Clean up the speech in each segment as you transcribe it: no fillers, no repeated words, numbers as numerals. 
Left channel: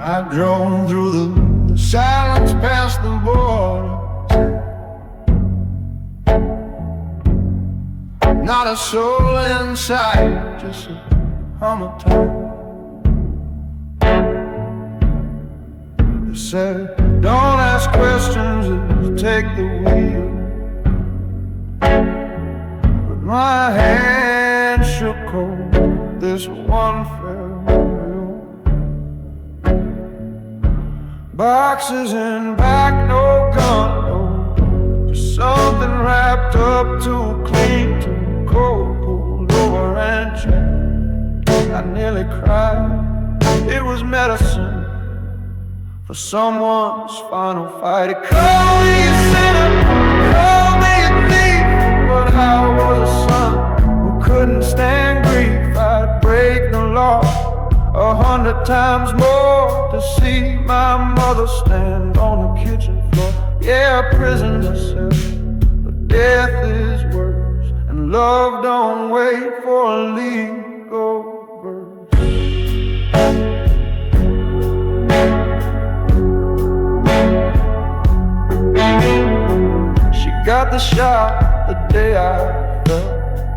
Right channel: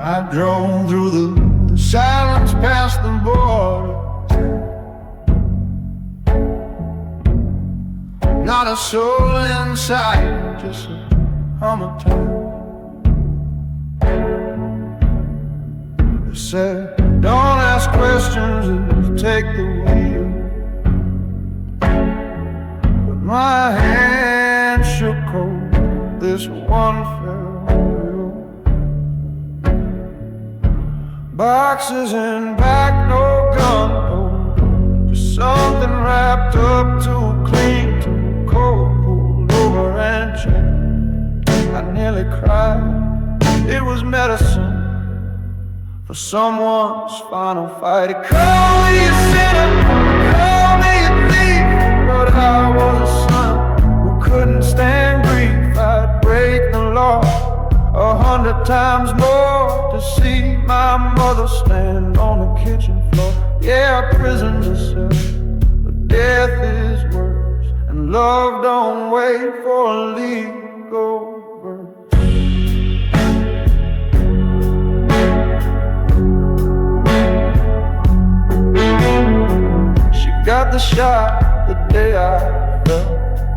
I drove through the silence past the border. Not a soul in sight, just a hum of time. They said, don't ask questions, just take the wheel. But my hand shook cold, this one fell real. Boxes in back, no gun, no door. Just something wrapped up too clean, too cold. Pulled over and checked, I nearly cried. It was medicine for someone's final fight. It called me a sinner, called me a thief, but I was a son who couldn't stand grief. I'd break the law 100 times more to see my mother stand on the kitchen floor. Yeah, prison's a cell, but death is worse, and love don't wait for a legal verse. She got the shot the day I fell.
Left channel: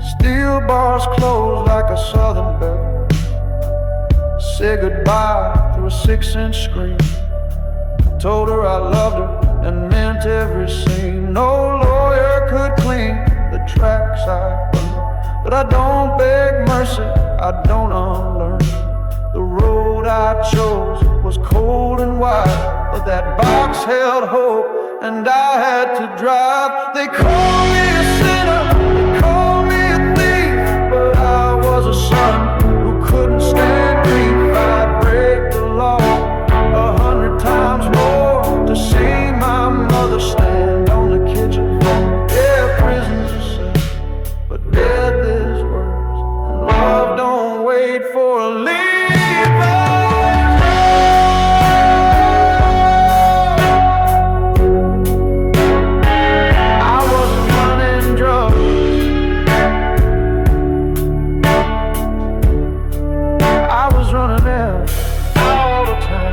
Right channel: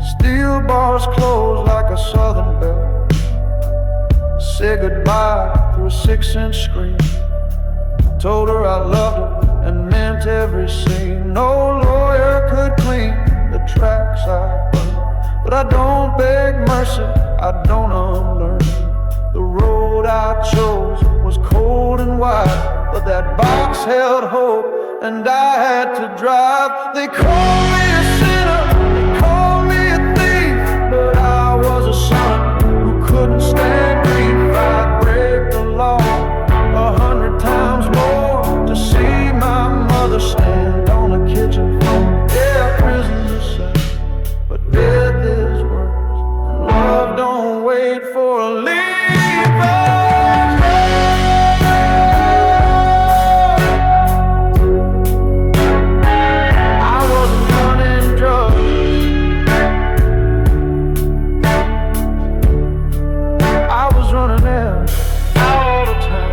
Steel bars closed like a southern belle. Said goodbye through a 6-inch screen. Told her I loved her and meant every scene. No lawyer could clean the tracks I burned, but I don't beg mercy, I don't unlearn. The road I chose was cold and wide, but that box held hope, and I had to drive. They called me a sinner, they called me a thief, but I was a son who couldn't stand grief. I'd break the law 100 times more to see my mother stand on the kitchen floor. Yeah, prison's a cell, but death is worse, and love don't wait for a lever's door. I wasn't running drugs, I was running them all the time.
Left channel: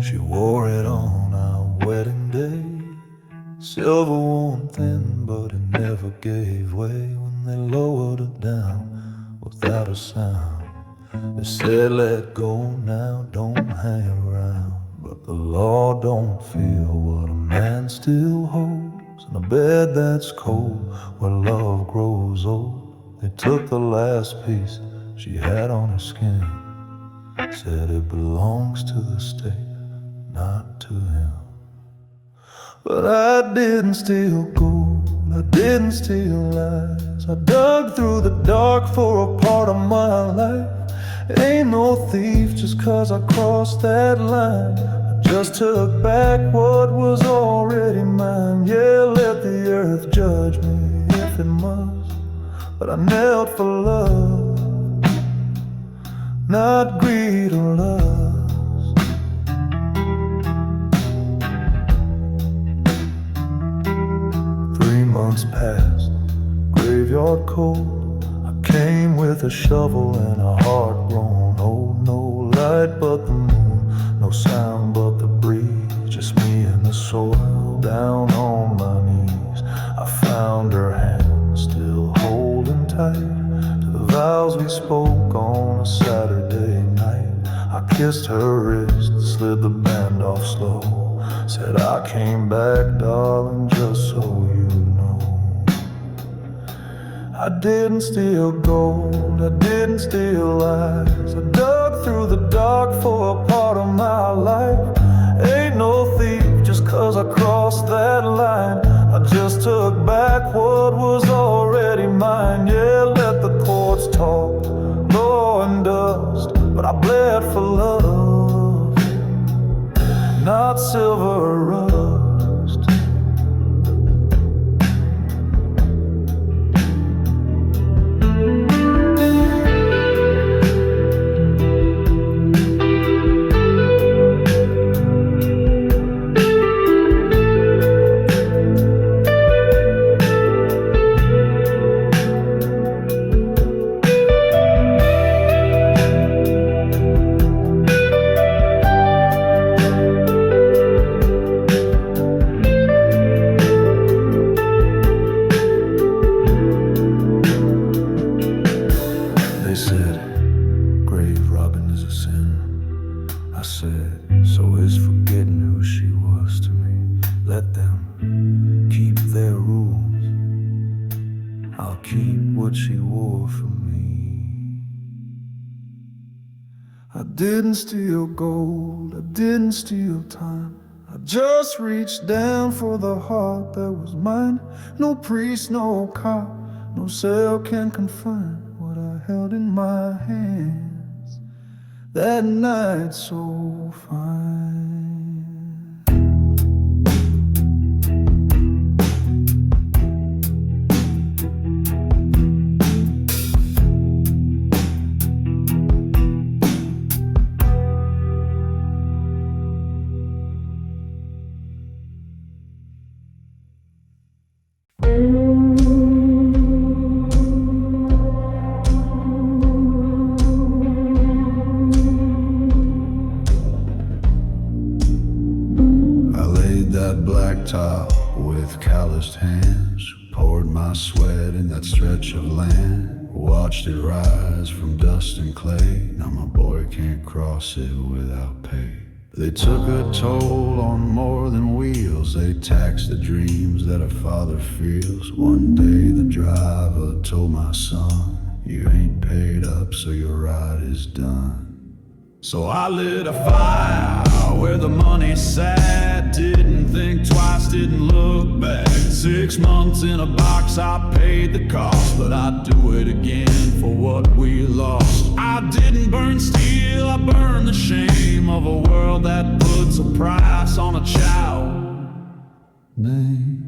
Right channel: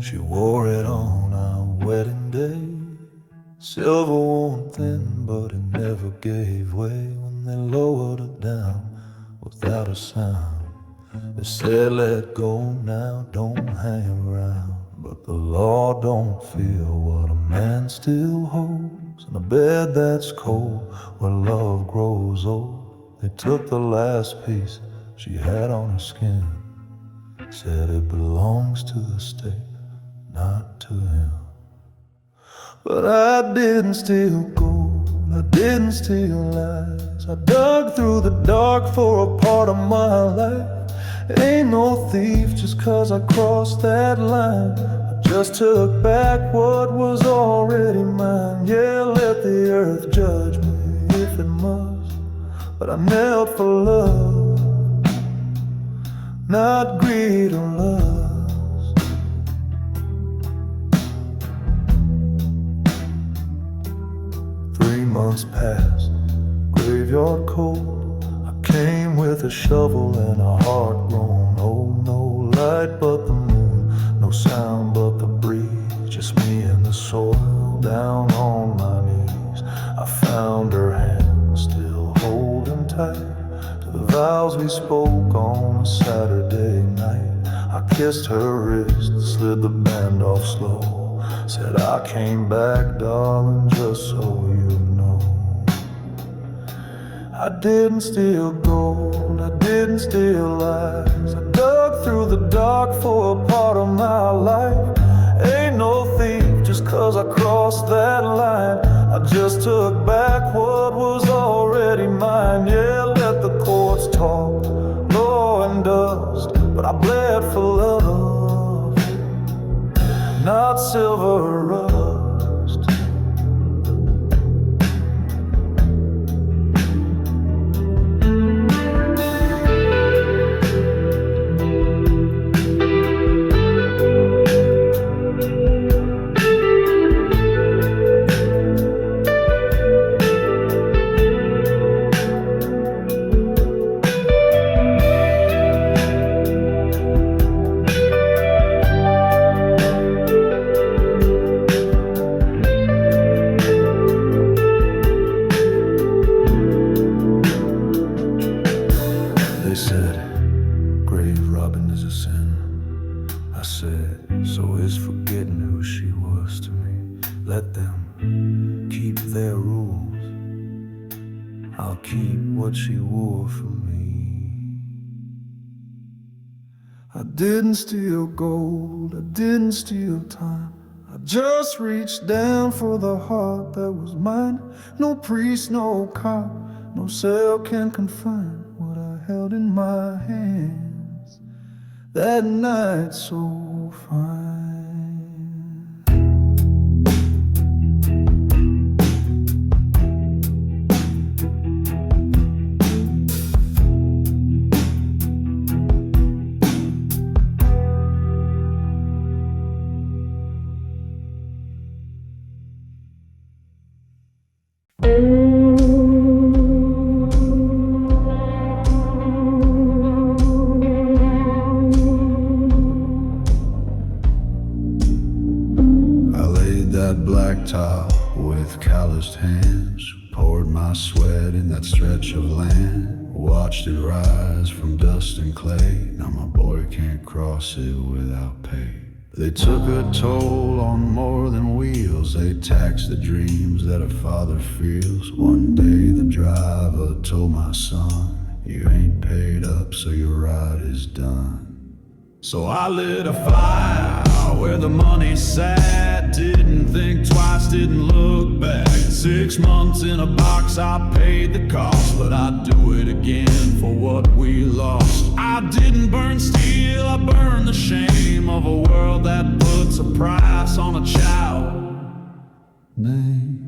She wore it on our wedding day, silver worn thin, but it never gave way when they lowered it down without a sound. They said, let go now, don't hang around. But the law don't feel what a man still holds in a bed that's cold where love grows old. They took the last piece she had on her skin, said it belongs to the state, not to him. But I didn't steal gold, I didn't steal lies. I dug through the dark for a part of my life. Ain't no thief just 'cause I crossed that line. I just took back what was already mine. Yeah, let the earth judge me if it must, but I knelt for love, not greed or lust. 3 months passed, graveyard cold. I came with a shovel and a heart grown old. No light but the moon, no sound but the breeze, just me and the soil down on my knees. I found her hand still holding tight to the vows we spoke on a Saturday night. I kissed her wrist, slid the band off slow, said I came back, darling, just so you know. I didn't steal gold, I didn't steal lies. I dug through the dark for a part of my life. Ain't no thief just 'cause I crossed that line. I just took back what was already mine. Yeah, let the courts talk, law and dust, but I bled for love, not silver rust. They said, grave robbing is a sin. I said, so is forgetting who she was to me. Let them keep their rules. I'll keep what she wore for me. I didn't steal gold, I didn't steal time. I just reached down for the heart that was mine. No priest, no cop, no cell can confine what I held in my hands that night so fine. That black tile with calloused hands, poured my sweat in that stretch of land, watched it rise from dust and clay. Now my boy can't cross it without pay. They took a toll on more than wheels. They taxed the dreams that a father feels. One day the driver told my son, you ain't paid up, so your ride is done. So I lit a fire where the money sat. Didn't think twice, didn't look back. 6 months in a box, I paid the cost, but I'd do it again for what we lost. I didn't burn steel, I burned the shame of a world that puts a price on a child name.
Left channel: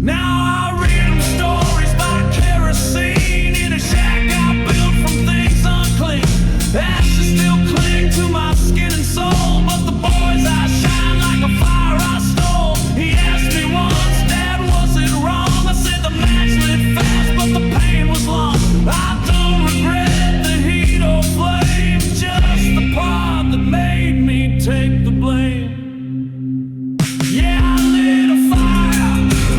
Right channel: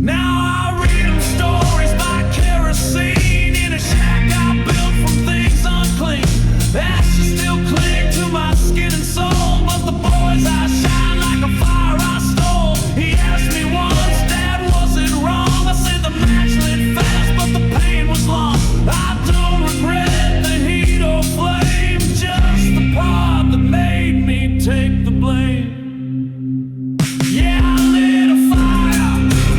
Now I read them stories by kerosene in a shack I built from things unclean. Ashes still cling to my skin and soul, but the boy's eyes shine like a fire I stole. He asked me once, Dad, was it wrong? I said the match lit fast, but the pain was long. I don't regret the heat or flame, just the part that made me take the blame. Yeah, I lit a fire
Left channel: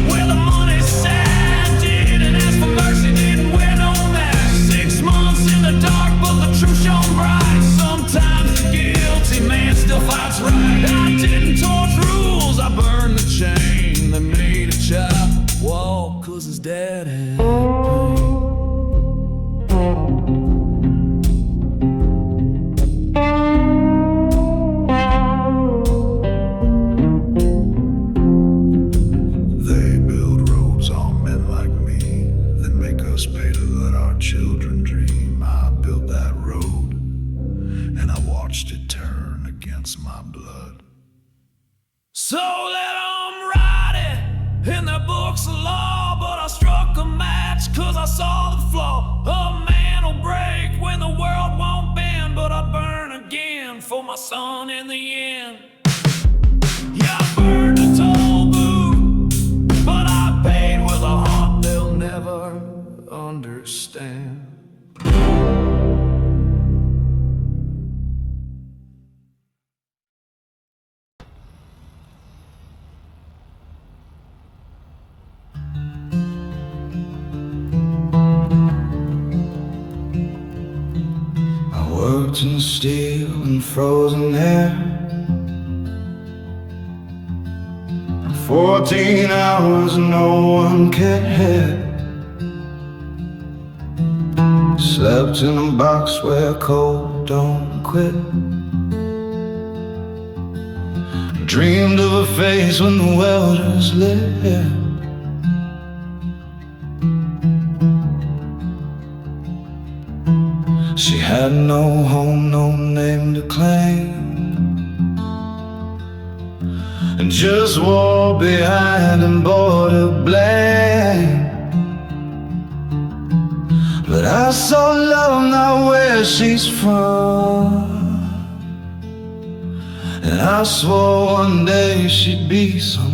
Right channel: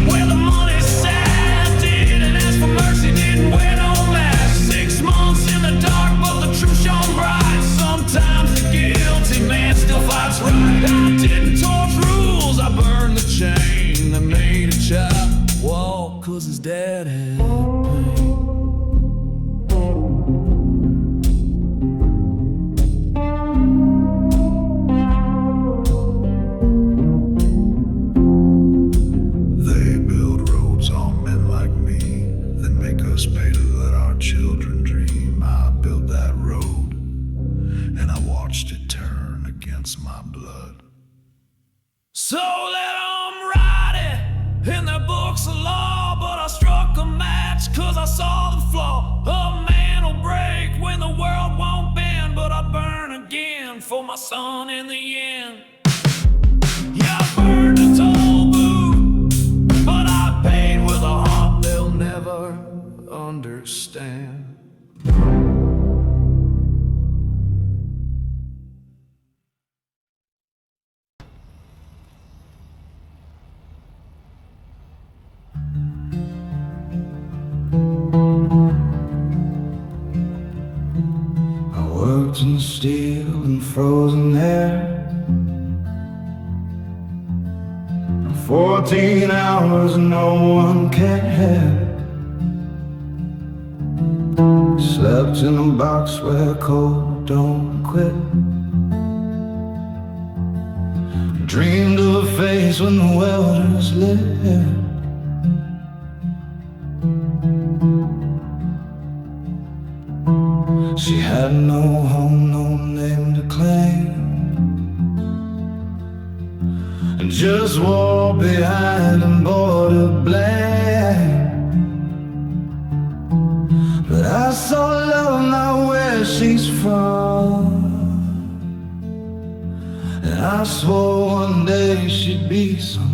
where the money sat. Didn't ask for mercy, didn't wear no mask. 6 months in the dark, but the truth shone bright. Sometimes the guilty man still fights right. I didn't torch rules, I burned the chain that made a child walk 'cause his dad had pain. They build roads on men like me, then make us pay to let our children dream. I built that road, and I watched it turn against my blood. So let them write it in their books of law, but I struck a match 'cause I saw the flaw. A man will break when the world won't bend, but I burn again for my son in the end. Yeah, I burned a toll booth, but I paid with a heart they'll never understand. Worked in steel and frozen air, 14 hours and no one cared. Slept in a box where cold don't quit. Dreamed of a face when the welders lit. She had no home, no name to claim, and just wore behind and bore the blame. But I saw love not where she's from, and I swore one day she'd be someone.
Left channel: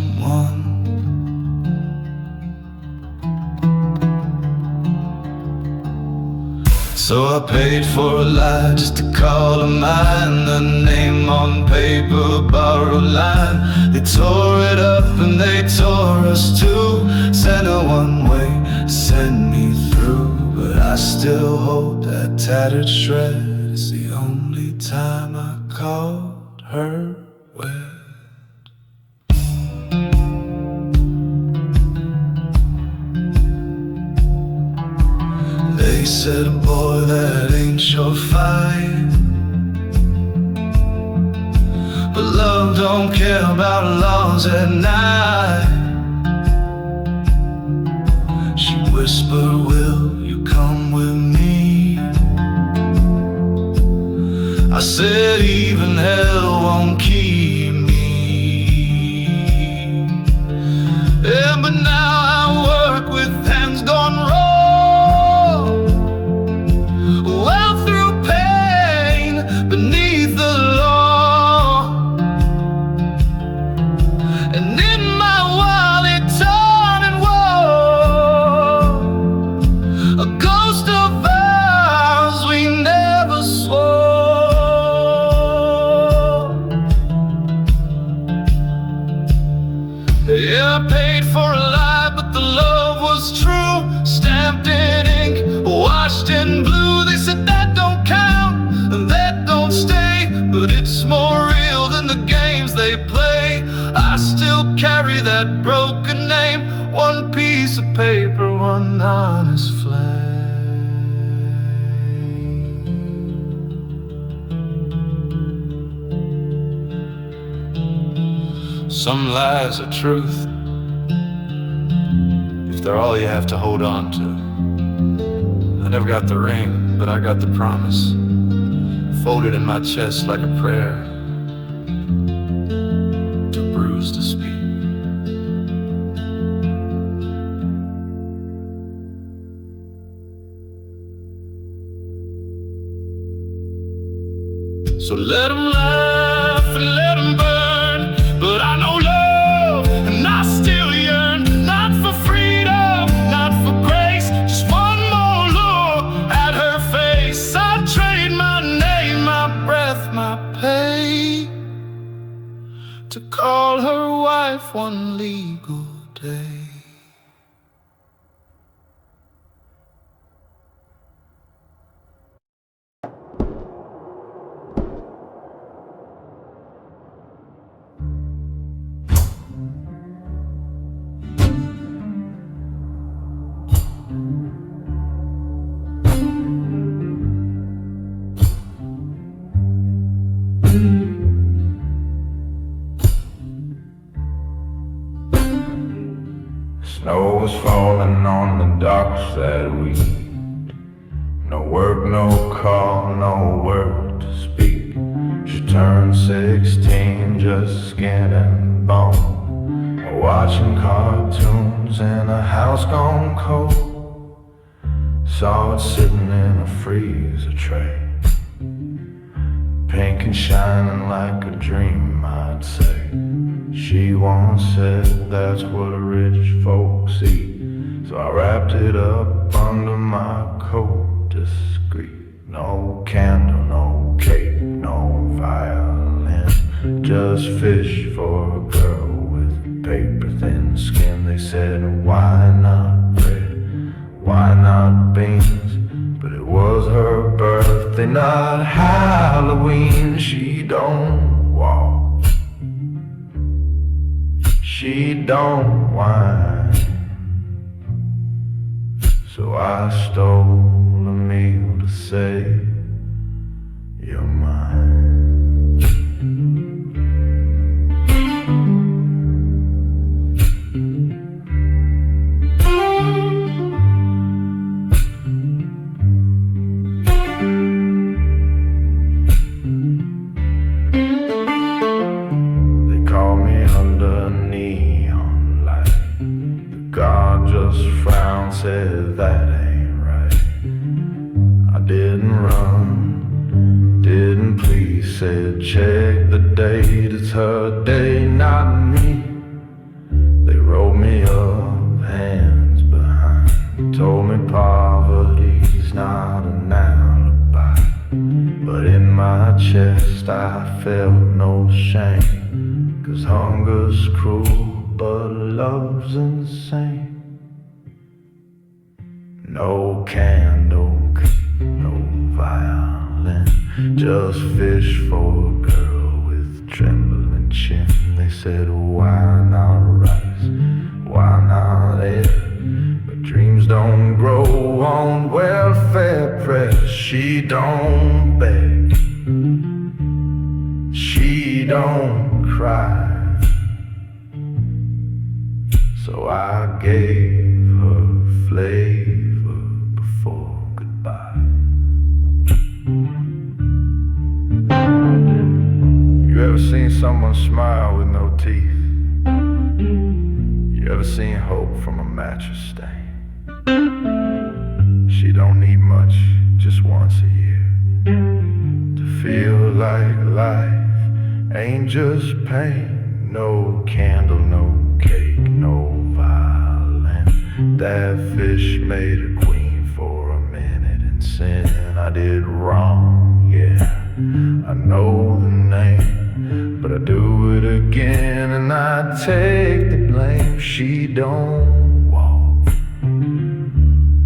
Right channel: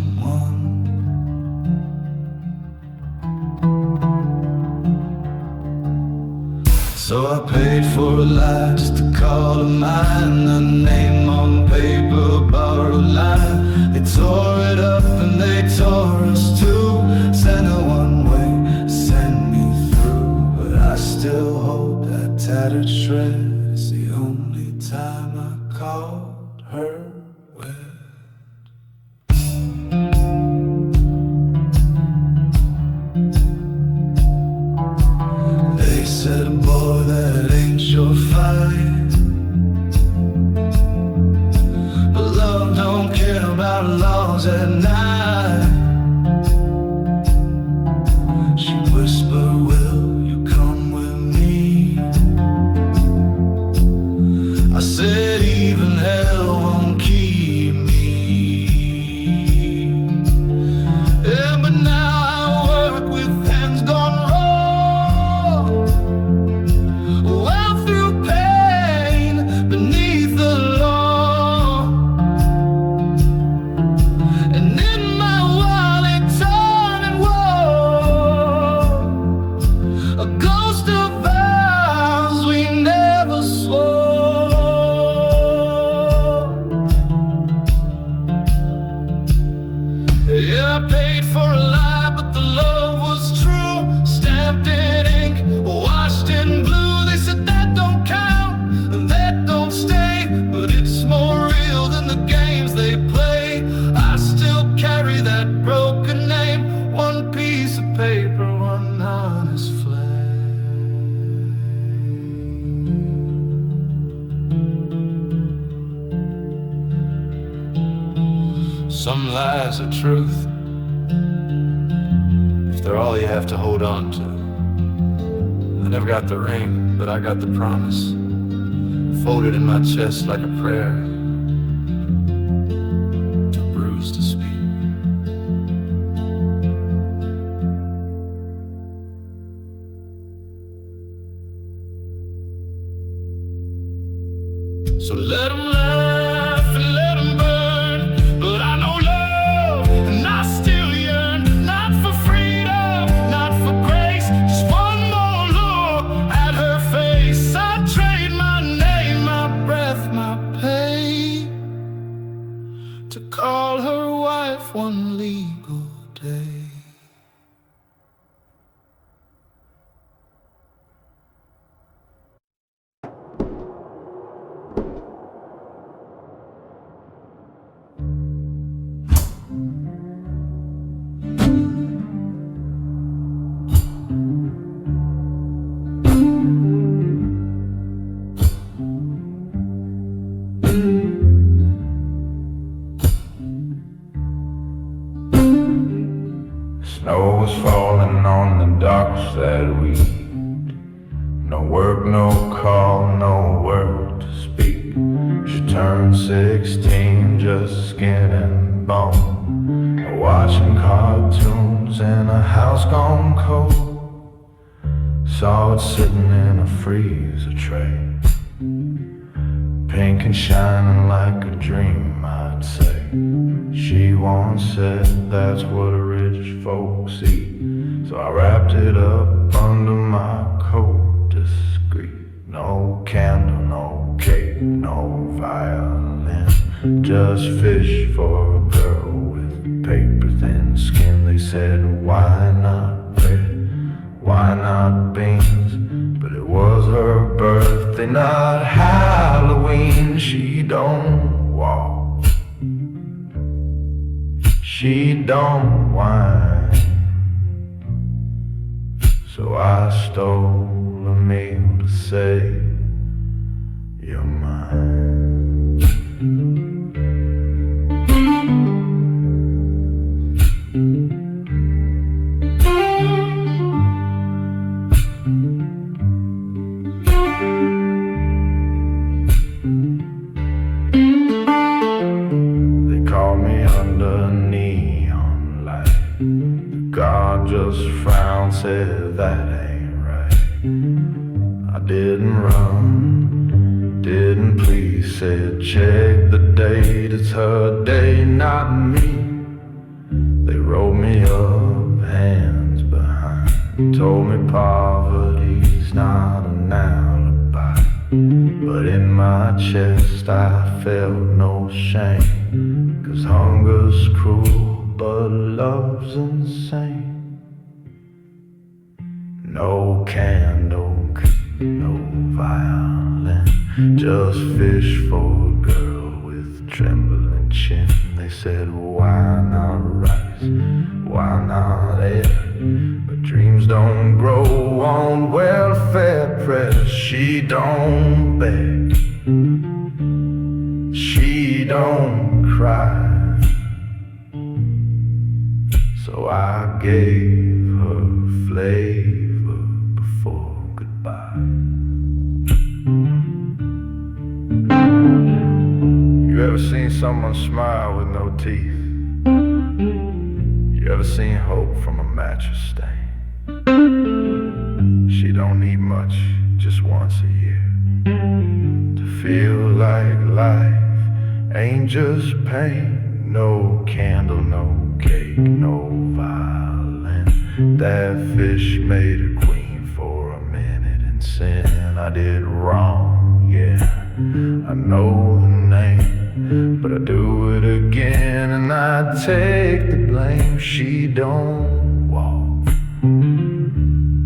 So I paid for a lie just to call her mine. A name on paper, borrowed line. They tore it up and they tore us too. Sent her one way, sent me through. But I still hold that tattered shred. It's the only time I called her wed. They said, boy, that ain't your fight, but love don't care about laws at night. She whispered, will you come with me? I said, even hell won't keep me. Yeah, but now I work with hands gone raw. Yeah, I paid for a lie, but the love was true. Stamped in ink, washed in blue. They said that don't count, and that don't stay, but it's more real than the games they play. I still carry that broken name, one piece of paper, one honest flame. Some lies are truth, if they're all you have to hold on to. I never got the ring, but I got the promise, folded in my chest like a prayer, too bruised to speak. So let 'em laugh and let 'em burn, but I know love and I still yearn, not for freedom, not for grace, just one more look at her face. I trade my name, my breath, my pay, to call her wife one legal day. Snow was falling on the docks that week. No work, no call, no word to speak. She turned 16, just skin and bone, watching cartoons in a house gone cold. Saw it sitting in a freezer tray, pink and shining like a dream, I'd say. She once said that's what rich folks eat, so I wrapped it up under my coat discreet. No candle, no cake, no violin, just fish for a girl with paper thin skin. They said, why not bread, why not beans? But it was her birthday, not Halloween. She don't walk, she don't whine, so I stole a meal to say, you're mine. me under neon light. The guard just frowned, said that ain't right. I didn't run, didn't please, said check the date, it's her day, not me. They rolled me up, hands behind, told me poverty's not an alibi. But in my chest I felt no shame, 'cause hunger's cruel but love's insane. No candle, no violin, just fish for a girl with trembling chin. They said, why not rice, why not air? But dreams don't grow on welfare press. She don't beg, she don't cry, so I gave her flavor before goodbye. You ever seen someone smile with no teeth? You ever seen hope from a mattress stain? She don't need much, just once a year, to feel like life ain't just pain. No candle, no cake, no violin. That fish made a queen for a minute in sin. I did wrong, yeah, I know the name, but I do it again and I take the blame. She don't walk,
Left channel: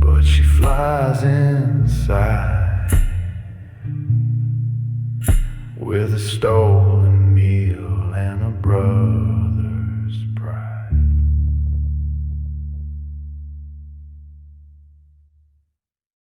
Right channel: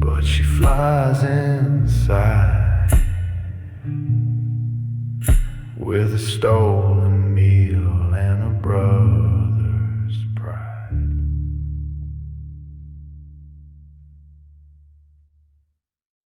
but she flies inside with a stolen meal and a brush